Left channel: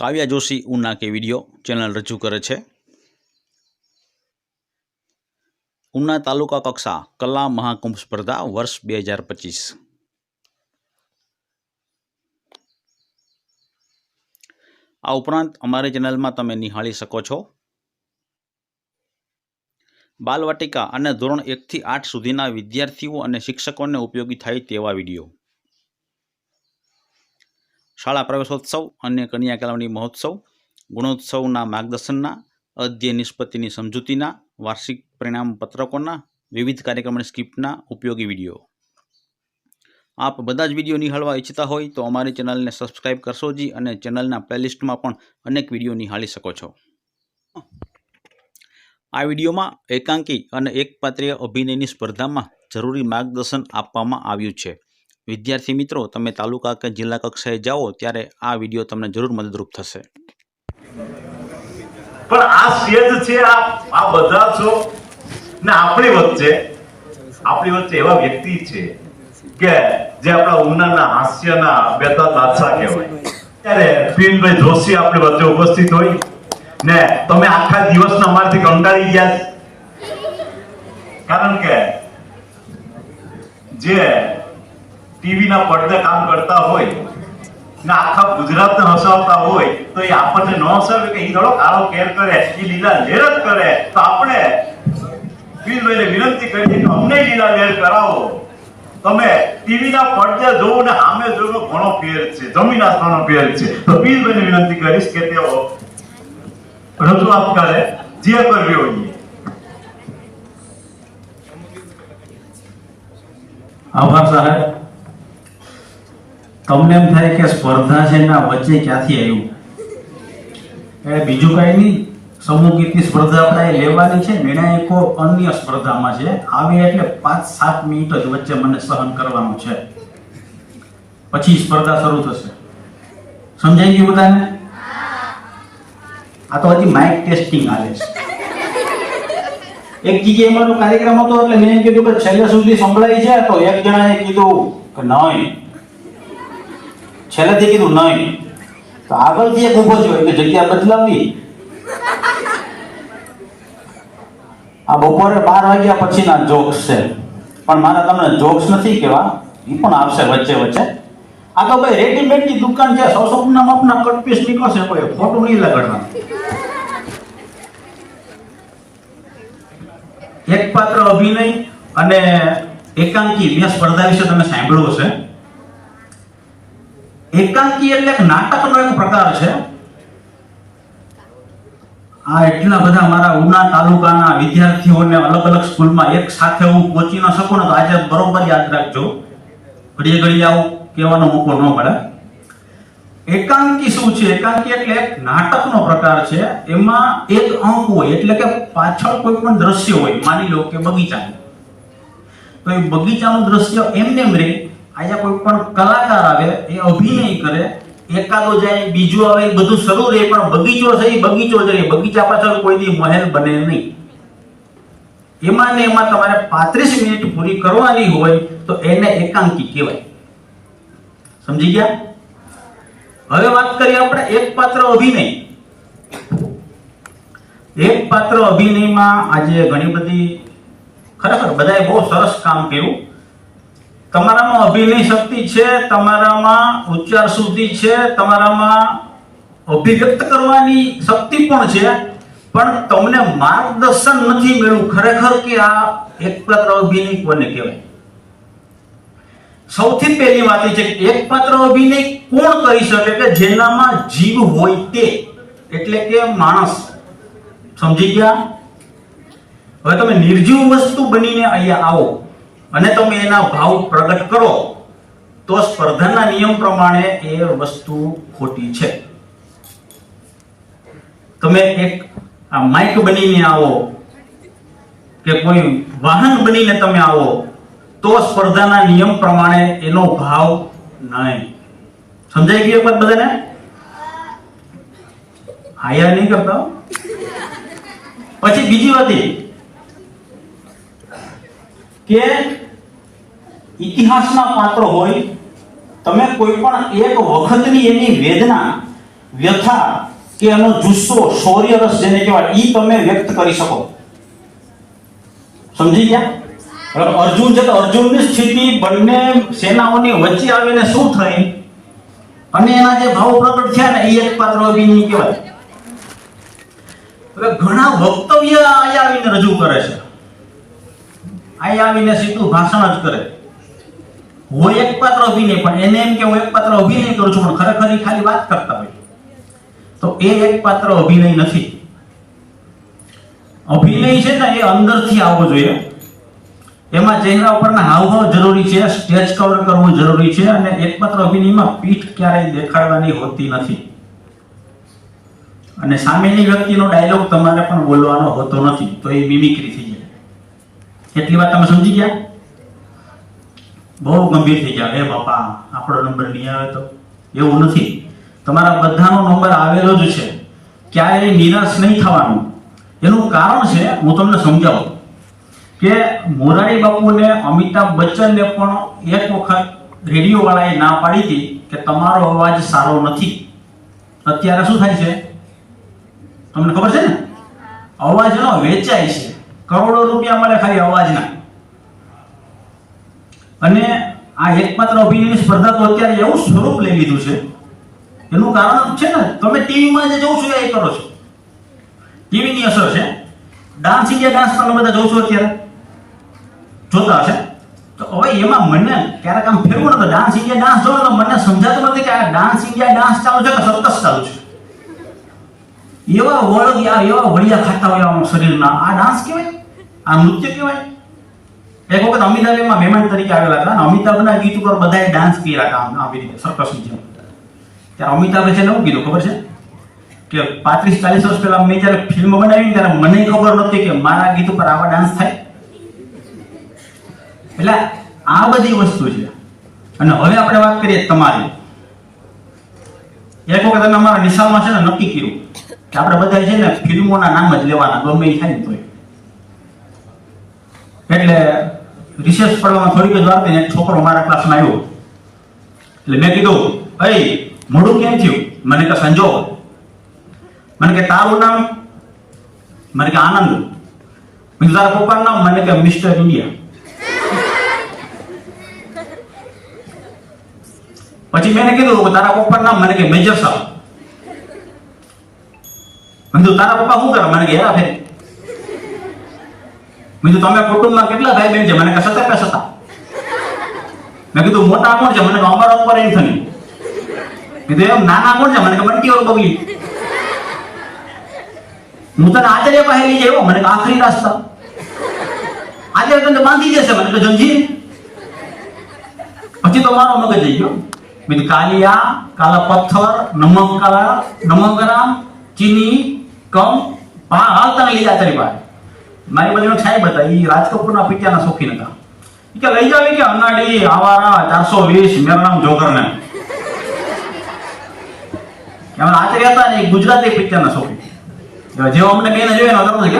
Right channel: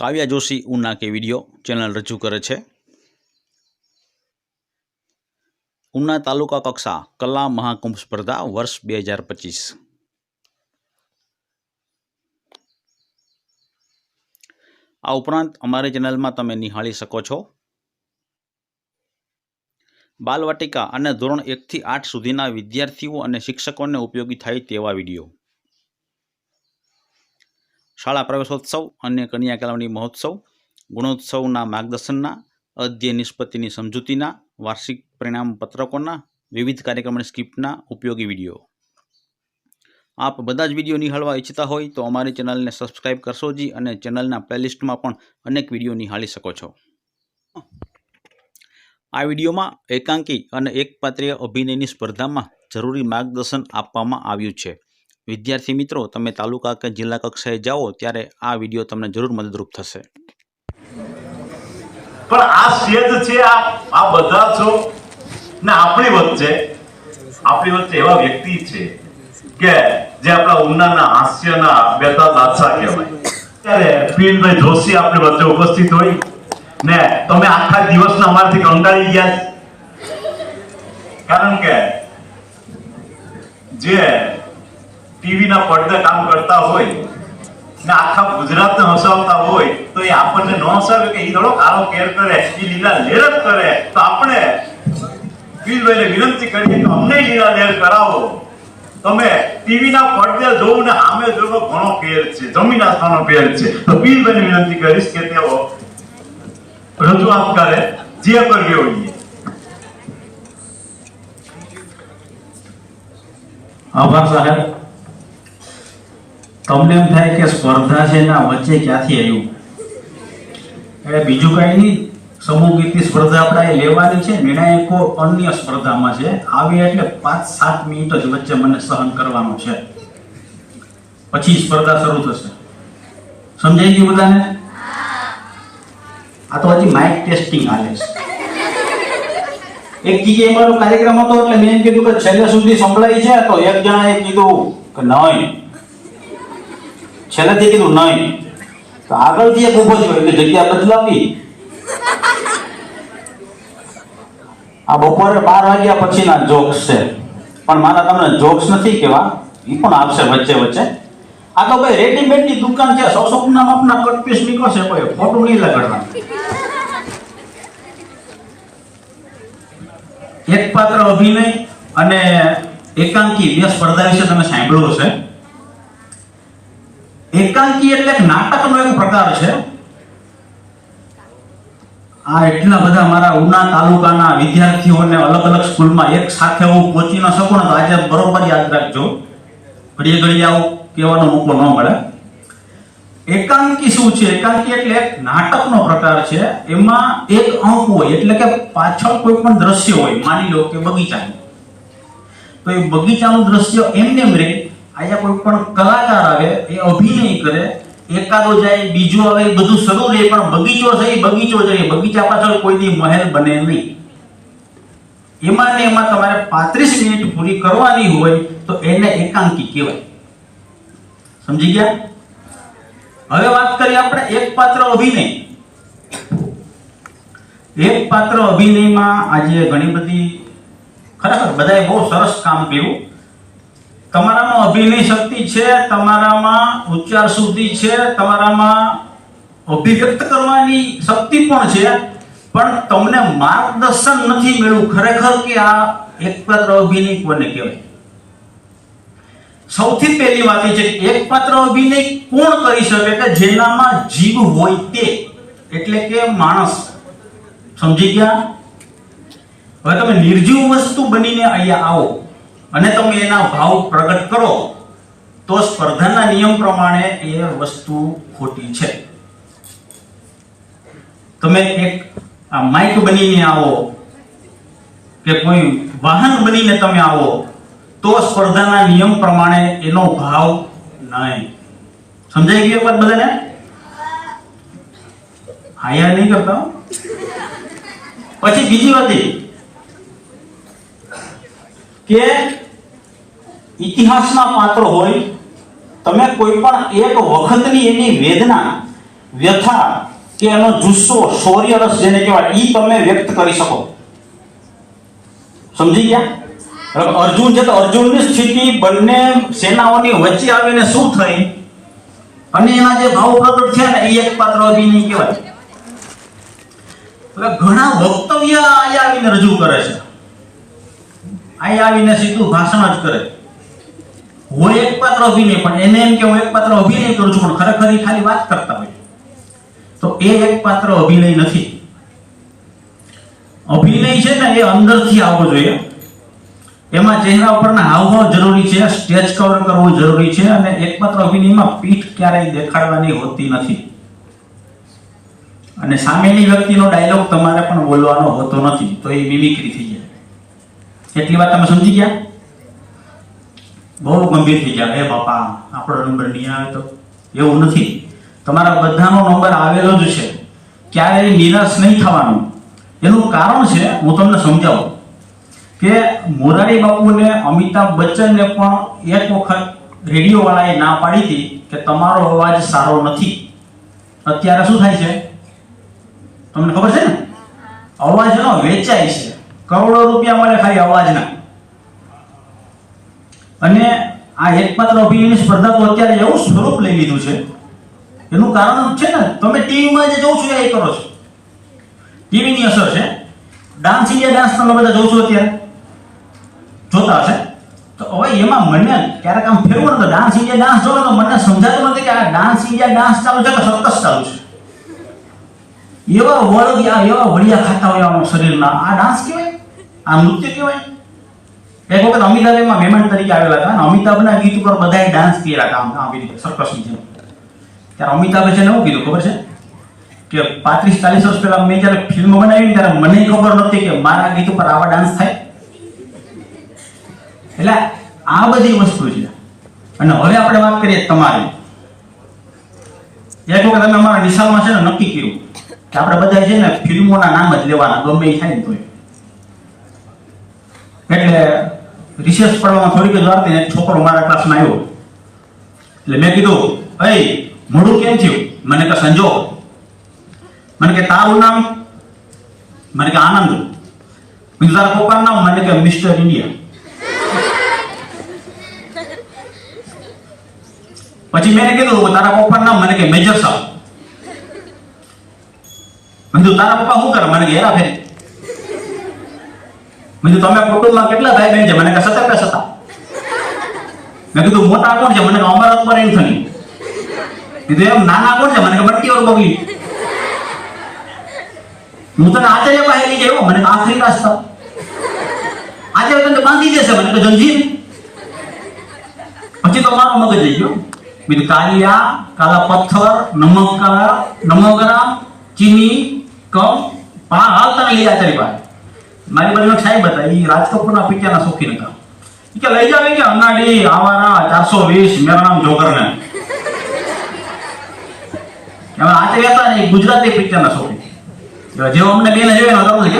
કાવ્યા જોશી ઉના કે video channel રજૂ કરે છે. ઉના તાલુકા કક્ષા કલા મહાકુંભ સ્પર્ધા વર્ષ બે હજાર પચીસ. આ ઉપરાંત અમારી ચેનલમાં તમે નિહાળી શકો છો. બાલવાટિકા અને ધોરણ એકથી આઠ સુધીના વિદ્યાર્થીઓ અને શિક્ષકોને ઉપયોગી થાય તેવા વીડિયો. શાળા પ્રવેશોત્સવ અને કન્યા કેળવણી મહોત્સવ, ગુણોત્સવના માર્ગદર્શનના અધ્યય નિષ્પત્તિની સમજૂતીના, વાર્ષિક પરિણામ પત્રકોના વિવિધ કાર્યક્રમની સ્ક્રિપ્ટના ઉપયોગી વીડિયો. આપ બધા જ વીડિયો નિહાળવા ઈચ્છતા હોય તો અમારી ચેનલને સબસ્ક્રાઇબ કરશો જી અને ચેનલના પ્લેલિસ્ટમાં પણ અનેક વીડિયો નિહાળી શકો છો. આ વિડીયોમાં એકાંકી અને એકપાત્રીય અભિનયની સ્પર્ધામાં જરૂરી માર્ગદર્શન આપવામાં આવ્યું છે. વિદ્યાર્થી મિત્રો, તમે તાલુકા કે જિલ્લા કક્ષાએ જાઓ, ત્યારે આ વીડિયો તમને જરૂર મદદરૂપ થશે. પણ આ સ્ટેજ છે, આ આ બધા છો, ને આપણી વચ્ચે આપણી વચ્ચે એવા વ્યક્તિ છે કે જે આપણા ઉનાના હાસ્યના બેતા દાદશા કહેવાય. ત્યારે પીનભાઈ જોશી આપણી વચ્ચે ઉપસ્થિત હોય, ને તમે આખા દિવસના અમારથી કંટાળી ગયા કારણ કે જે ટીવીના પડદે કામ કરતા હોય ને આખા ગુજરાતને હસાવતા હોય, તો એ આપણને ન હસાવે કે ઈ થોડો કાળો કેર કરે, ઈ લીલા લેર કરે, તો આપણે પીરભાઈને વિનંતી કરીએ કે અમને લીલા લેર કરાવો. તમે ટીવીના પડદે જોવું ને આમે જોવો ઘણો ફેર છે જમીન આસમાનનો ફેર છે. તો પીરભાઈને વિનંતી કરીશ કે તેઓ રજૂઆત કરે, જે કરવી હોય આભાર સાહેબ. તમને એમ થાય કે સ્પર્ધા છે ને આ વચ્ચે ક્યાંથી આવ્યું? એ બીજું કઈ નહીં. સમૂહ ગીતની સ્પર્ધા આપણે લેવાની છે. નિર્ણાયકો અન્ય સ્પર્ધામાં છે. આવે એટલે પાંચ સાત મિનિટ જ વચ્ચે મને સહન કરવાનું છે. પછી સ્પર્ધા શરૂ થશે. સમજાઈ ગયું બધાને? આ તો હજી માઇક ટેસ્ટિંગ હાલે છે. એક જગ્યાએ મારો કાર્યક્રમ હતો એટલે મેં કીધું કે છેલ્લે સુધી સંભળાય છે. તો એક જણાએ કીધું કે નહીં. છેલ્લેથી કીધું નહીં. તો આગળથી એક ઊભો થયો એટલે જગ્યા બદલાવી. આ બપોરે બાર વાગ્યા પછીના જોક્સ છે. પણ મારા તમને જોક્સ નથી કેવા એ પણ આપશે વચ્ચે વચ્ચે. આ તો ભાઈ રેડીમેડની દુકાન છે, સો સપના માપના કટ પીસ નીકળશે, કોઈ ફોટો નહીં લગાડવા એક પાત્ર અભિનય અને એકાંકી બે સ્પર્ધા વિશે તમે સાંભળ્યું છે એકાંકી એટલે નાટકનો એક પ્રકાર છે. આ એટલા બધા મારા ઉના તાલુકાના વિદ્યાર્થીઓને અલગ અલગ સ્કૂલમાં એક સાથે હું પહોંચી ન શકું ને આજે બરોબર યાદ રાખજો. ઘડીએ ઘડીએ આવું કહેવાનો મોકો ન મળે. એકાંકી શું છે? એકાંકી એટલે એક નાટકનો પ્રકાર છે. એમાં એક અંક હોય, એટલે કે પાછળ કોઈ પણ દ્રશ્ય હોય, માની લો કે બગીચાનું. તો એ બગીચાનું દ્રશ્ય એમને એમ રહે અહીંયા કોઈ પણ કલાકાર એ અભિનય કરે, એકાદો જાય, બીજો આવે બધું શરૂ રહે, પણ બગીચો છે બગીચો જ બગીચા પાછળ કોઈની મહેલ બને નહીં. એમાં ને એમાં તમારે 35 મિનિટ પૂરી કરવાની હોય તો એને એકાંકી કહેવાય. સમજી ગયા? હવે વાત કરીએ આપણે એક પાત્ર અભિનય. એક પાત્ર અભિનયમાં આજે ઘણી બધી ખરેખર બધાએ બહુ સરસ કામ કર્યું. તમારામાં અભિનય શક્તિ છે, તમારામાં ઉચ્ચાર શુદ્ધિ છે, તમારામાં અભિવ્યક્ત કરવાની શક્તિ પણ છે, પણ તમને માર્ગદર્શન નથી મળ્યું ખરેખર કે આ એક પાત્ર અભિનય કોને કહેવાય? સૌથી પહેલી વાત છે કે એક પાત્ર અભિનય કોણ કરી શકે? કે જેનામાં જીવ હોય તે. એટલે કે માણસ. સમજી ગયા? હવે તમે નિર્જીવ વસ્તુ બનીને અહીંયા આવો. અને તમે એના ભાવ પ્રગટ કરો, તો સ્પર્ધાના નિયમ પ્રમાણે એ વસ્તુ ખોટી છે. તમે એક માઇક બનીને આવો કે કોઈ વાહન બનીને તમે આવો, તો સ્પર્ધાના નિયમ પ્રમાણે એનો ભાવ નહીં. સમજાઈ ગયું વાત બધાને? હાયા નહીં કરતા પછી બીજી વાત કે ઇતિહાસના પાત્ર હોય, તમે કોઈ પણ એક વખતની એની વેદના, વ્યથા કે એનો જુસ્સો શૌર્ય રસ જેને કહેવાય, ઈ તમે વ્યક્ત કરી શકો. સમજી ગયા? અર્જુન છે તો અર્જુનની સ્થિતિ બંને સેનાઓની વચ્ચે આવીને શું થઈ? અને એના જે ભાવ પ્રગટ થયા ને એ એક પાત્ર અભિનય કહેવાય. હવે ઘણા વક્તવ્ય અહીંયા આવીને રજૂ કરે છે. અહીંયા આવીને સીધું ભાષણ જ કરે. હું એક પાત્ર અભિનય, પણ એને એમ કે હું એક પાત્ર અભિનય કરું છું, પણ ખરેખર ખાલી વાત કરતા હોય તો એ એક પાત્ર અભિનય નથી. અભિનય છે ને એ અંદરથી આવવો જોઈએ. એમાં ચહેરા ઉપરના હાવભાવ જરૂરી છે, સ્ટેજ કવર કરવું જરૂરી છે, અને એકમાત્ર અભિનયમાં પીઠ ક્યારેય દેખાડવાની હોતી નથી. અને સામેની વ્યક્તિનો ડાયલોગ તમારે પણ બોલવાનો હોતો નથી, તો એ મિમિક્રી થઈ જાય. એટલી વાત તમે સમજી ગયા? બહુ ગંભીર થઈ જાવ એ બાપા આપણો નંબર નહીં આવે તો? એવું નથી. તમારા બધાનો નંબર આવેલો જ છે. ક્યારેય નિરાશ નહીં થવાનું. એનું કારણ છે હું તમને સમજાવું કે મોરારી બાપુને અમિતાભ બચ્ચનને પણ એક વખત રેડિયો વાળાએ ના પાડી હતી કે તમારો અવાજ સારો નથી. અત્યારે શું થાય છે? તમને ખબર છે ને? અવાજનો વેચાય છે. કરોડો રૂપિયા મળે ખાલી અવાજના. અને આ એકમાત્ર અભિનયની સ્પર્ધા તો અત્યારે એવું સ્વરૂપ લઈ લીધું છે. એનું કારણ છે ને, તમે ટીવીમાં જે જોઉં છો એ કરો છો. ટીવીની અસર છે. ડાન્સ ઇન્ડિયા ડાન્સ તમે બધા જોઉં છો અત્યારે. જોતા હશે. તો હવે એમાં મને ક્યારેક આમ ફેરવું તો ડાન્સ ઇન્ડિયા ડાન્સ જોવો તો મને સમજાતું નથી કે આ ડાન્સ ઇન્ડિયા ડાન્સ ચાલુ છે કે સર્કસ ચાલુ છે. એવા વળગ્યા એવા વળિયા ખાતા હોય આમ શરીરના. આ ડાન્સ કહેવાય આ નૃત્ય કહેવાય? એક વખત અમિતાભ એમાં મહેમાન તરીકે આવેલા હતા અમિતાભના ગીત ઉપર બધાએ ડાન્સ કર્યા હતા આવી રીતે. સર્કસની જેમ ત્યારે અમિતાભે છે ને શું કીધું, ખબર છે? કે પાંત્રીસ ચાલીસ વર્ષ પહેલા મેં જ્યારે ફિલ્મ બનાવી ત્યારે મને ખબર નહોતી કે મારા ગીત ઉપર આવા ડાન્સ થાય. એટલે આ બધી વસ્તુ છે. અને હવે આપણે વાત કરીએ તમારી. એક વખત અમે અમારા નિશાળમાં છે ને નક્કી કર્યું કે આપણે બધા છે ને ફિલ્મોના નામ જ લેવાના, ગમે થાય ને તોય. એટલે રિસેસ પડવામાં થોડીક જ વાર એક છોકરો મારા ક્લાસમાં આવ્યો. એટલે મેં કીધું ભાઈ મોડું કેમ થયું? મને કે, સંજો. મને કે, તારું નામ? મને કે, આનંદ. મેં તારા પપ્પાનું નામ? મને કે, મિસ્ટર ઇન્ડિયા. પછી મેં કીધું, તારા પપ્પાનું નામ? મને કે, મેજર સાહેબ. મેં તારા પપ્પા શું કરે? મને કે હેરા ફેરી મેં કીધું, તમે કુટુંબમાં કેટલા ભાઈ બહેન છે? મને કે સતા પે સતા મેં કીધું, મોટા કોણ છે? મને કે, અમારા ઉપર એન્થની કીધું, એમ નાના કોણ છે? મને કે, બંટી ઓર બગલી. હું તને આચાર્ય પાસે લઈ જાય મને આખરી રાસ્તા આચાર્ય તને બાંધી દેશે? મને કે જંજીર પછી તો મારો મગજ જઈ ગયો. મેં કાલિયા, કાલા પથ્થર નમકાર કાલા નમોગ્રામ ચીની, કમ, પા, હાલ તને લઈ આચાર્ય પાસે. પાસે સાહેબ હતા એ રાજ કપૂરના પિત્યાના શોખીન હતા. કે લઈ જાવે કે અનાડી આવારા ચારસો વીસ, મેરા નામ જોગરને. હવે આચાર્ય હતા ને ગુજરાતી પિક્ચરના શોખીન. જેવો અમને બેને જોયો ને હો કે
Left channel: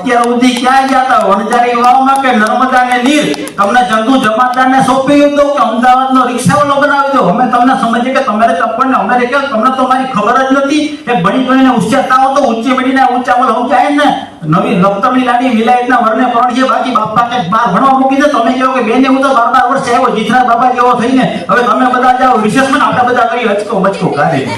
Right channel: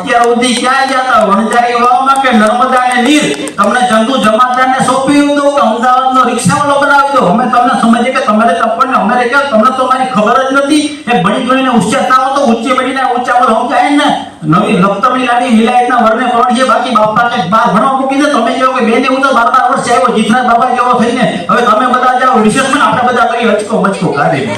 અત્યાર સુધી ક્યાં જતા વણજારી વાવમાં કે નર્મદા ને નીર? તમને ચંદુ જમાદારને સોંપી દો કે અમદાવાદનો રિક્ષાવાળો બનાવી દો. અમે તમને સમજીએ કે તમારે તપણ ને અમારે તમને તો મારી ખબર જ નથી એ બની ગણીને થાઓ તો ઊંચી મળીને ઊંચા બોલ. સમજાય ને નવી લખતરની લાડી વિલાયતના વરને પણ જે બાકી બાપા કે બાર ભણવા મૂકી દે. તમે જેવો કે બેને હું તો બાર વર્ષે આવ્યો, જીતના બાબા જેવો થઈને. હવે તમે બધા જાઓ વિશેષમાં આપણે બધા કરી હચકો બચકો. કાઢી દો.